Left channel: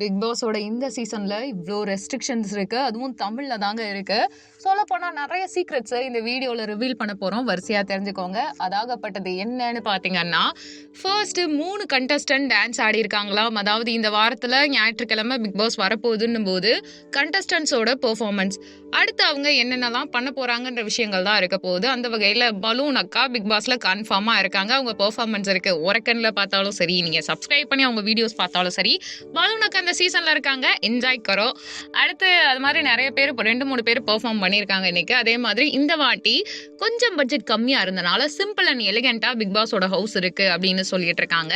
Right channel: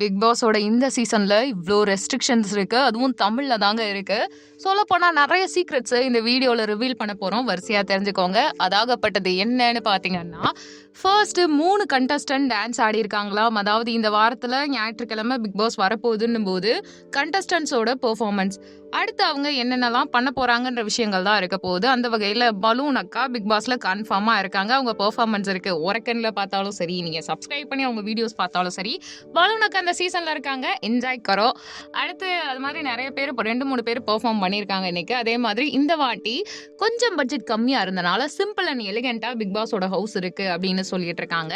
Big பாஸோட இந்த சீசனில் இவ்வளோ ரெஸ்ட்ரிக்ஷன்ஸ் இருக்குது அதுவும் தமிழில் தாங்க இருக்குது சொல்லப்போனால் நிறைய சீக்ரெட்ஸை இந்த வீடியோவில் ரிவீல் பண்ண போகிறோம் வரிசையாக தெரிஞ்சுக்கோங்க. அதாகப்பட்டது என்னன்னு பார்த்தீங்கன்னா, ஃபர்ஸ்ட்டு மூணு கண்டஸ்டன்ட் டான்ஸ் ஆடியிருக்காங்களாம். அதாவது இந்த வாரத்தில் ஞாயிற்றுக்கிழமை பிக் பாஸ் வரப்போகுதுன்னும் போது கண்டஸ்டன்ட்ஸோட பெர்ஃபார்மன்ஸ். அடுத்து அவங்க என்னென்னலாம் பண்ண போகிறாங்கன்ற விஷயங்கள் தான் இருக்க போகுது. அந்த வகையில் பலூன் அக்கா பிக் பாஸில் கன்ஃபார்மாக இருக்காங்க. அவங்க பெர்ஃபார்மன்ஸ் இருக்குது ஒரக்கன்ல பார்த்தாலும் சரி, நீங்கள் சப்ஸ்கிரைப் பண்ணி அவங்க வீடியோஸ் பார்த்தாலும் சரி, பலூன் அக்கா அந்த சீசன்ல இருக்காங்க. என்ஜாய் கரோ. அடுத்து அது மாதிரி நிறைய பேர் இப்போ 2, 3 பேர் பெர்ஃபார்ம் பண்ணியிருக்காங்க இன்னைக்கு. அதே மாதிரி இந்த வாட்டி கொஞ்சம் பட்ஜெட் கம்மியா இருந்தனால, சிம்பிள் அண்ட் எலிகெண்ட்டாக பிக் பாஸோட ஹவுஸ் இருக்கு அப்படின்னு சொல்லிட்டு இருக்காங்க.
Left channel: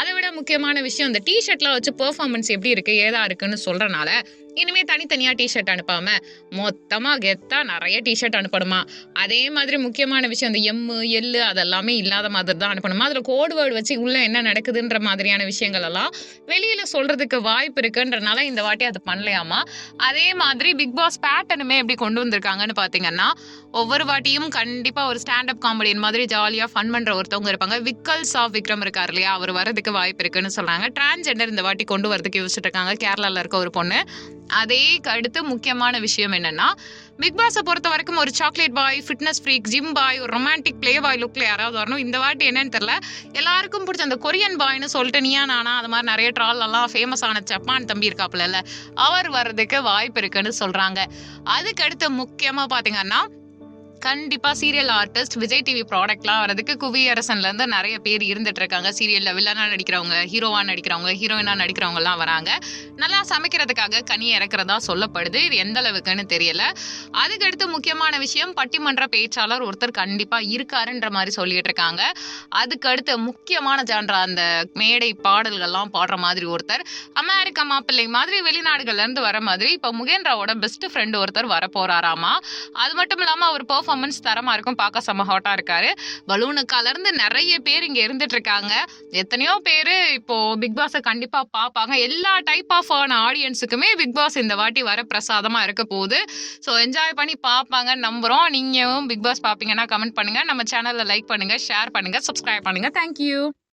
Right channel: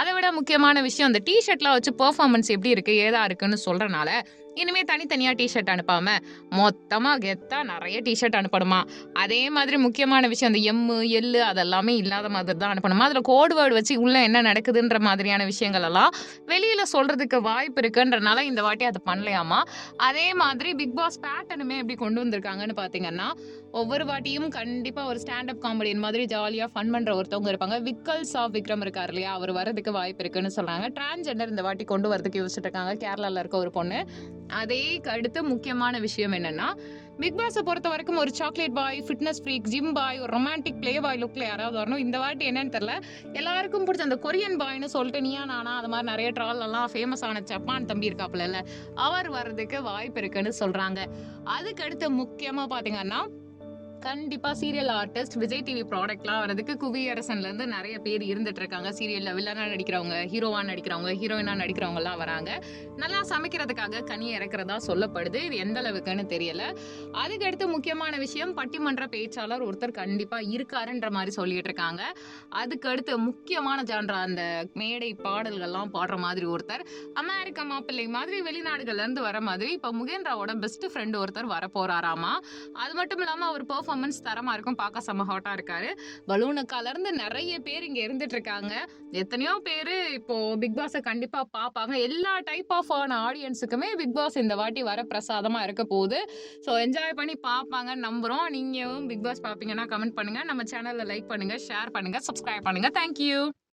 அதை விட முக்கியமான விஷயம் இந்த டிஷர்ட்லாம் வச்சு பெர்ஃபார்மன்ஸ் எப்படி இருக்கு, ஏதா இருக்குன்னு சொல்றனால, இனிமே தனித்தனியா டிஷர்ட் அனுப்பாம, மொத்தமா கெத்தா நிறைய டிஷர்ட் அனுப்பணுமா. அதே மாதிரி முக்கியமான விஷயம் இந்த எம்மு எள்ளு அதெல்லாமே இல்லாத மாதிரி தான் அனுப்பணுமா. அதுல கோட் வேர்டு வச்சு உள்ள என்ன நடக்குதுன்ற மாதிரியான விஷயங்கள் எல்லாம் வெளியில சொல்றதுக்கு வாய்ப்பு இருக்குன்றனால இந்த வாட்டி அது பண்ணலையாமா. அதே மாதிரி பிக் பாஸ் பேட்டர்னுமே எப்படி கொண்டு வந்திருக்காங்கன்னு பார்த்தீங்கன்னா, ஒவ்வொரு வாட்டியும் கண்டிப்பாக ஒரு ஸ்டாண்ட் அப் காமெடியன் மாதிரி ஜாலியாக ஃபன் பண்ணுற ஒருத்தவங்க இருப்பாங்க. விக்கல்ஸ் ஆஃப் விக்ரம் இருக்கார் இல்லையா, அவர் வரதுக்கு வாய்ப்பு இருக்குன்னு சொல்கிறாங்க டிரான்ஜெண்டர் இந்த வாட்டி கொண்டு வரதுக்கு யோசிச்சுட்டு இருக்காங்க. கேரளாவில் இருக்க ஒரு பொண்ணு. அதே அடுத்து முக்கியமான விஷயம் என்னன்னா, பிக் பொறுத்த வரைக்கும் ஒரு chocolate boy, fitness freak, gym boy, ஒரு ரொமான்டிக் பிளே பாய் லுக்ல யாராவது வரணும். இந்த வாட்டி என்னன்னு தெரியல. எல்லாருக்கும் பிடிச்ச அந்த கொரியன் பாய்ன்னு சொல்லிட்டு நீயா நானா அது மாதிரி நிறைய ட்ரால்லலாம் ஃபேமஸ் ஆன ஜப்பான் தம்பி இருக்காப்புல அவர் வர்றதுக்கு வாய்ப்பு இருக்குன்னு சொல்றாங்க. அதுக்கு அடுத்து முக்கியமா பார்த்தீங்கன்னா, கண்டிப்பா சீரியல் ஆர்டிஸ்ட் விஜய் டிவி ப்ராடக்ட்லாம் வரதுக்கு குவியரசன்லேருந்து நிறைய பேர் இருந்துட்டு இருக்காங்க. சீரியல்ல வில்லனா நடிக்கிறவங்க, ஹீரோவா நடிக்கிறவங்க, ஹீரோயினா நடிக்கிறவங்கலாம் வராங்க. நல்லா சமைக்கிறதுக்காக கனி இறக்குறதா சொல்லப்படுது. இது எந்த அளவுக்குன்னு தெரியல. அதுக்கடுத்து முக்கியமான விஷயம் பட்டிமன்ற பேச்சாளர் ஒருத்தர் கண்டிப்பா இருக்காருன்ற மாதிரி சொல்லிட்டு இருக்காங்க. அதுக்கடுத்து முக்கியமான ஜான்ரா அந்த மேடை பாடல்கள்லாம் பாடுற மாதிரி ஒருத்தர், அமெரிக்கா மாப்பிள்ளை மாதிரி வெளிநாடுகள்ல இருந்து வர மாதிரி இப்போ முகேந்திராவோட பெஸ்ட் ஃப்ரெண்ட் ஒருத்தர் வரப்போறாராமா. அது மட்டும் இல்லாம அவர் பர்ஃபார்மன்ஸ் தரமாக இருக்கும். பார்க்க செம்ம ஹாட்டாக இருக்காரு. பலூன் அக்காலருந்து நிறைய பேர் இங்கே இருந்துட்டு இருக்காங்க. எத்தனையோ பேர் இப்போது பிக் கண்டிப்பாக பார்ப்பாங்க. எல்லா டைப் ஆஃப் ஆன ஆடியன்ஸுக்குமே பிக் பாஸ் இந்த வாட்டி வரப்பிரசாதமா இருக்க போகுது. ஸோ என்ஜாய் பண்ணி பார்ப்பாங்கன்னு நம்புகிறோம் நீங்களும் பிக் பாஸ் பார்ப்பீங்கன்னா கமெண்ட் பண்ணுங்கள் நம்ம சேனலில் லைக் பண்ணுங்கள் ஷேர் பண்ணுங்கள் சப்ஸ்கிரைப் பண்ணுங்கள் தேங்க் யூ.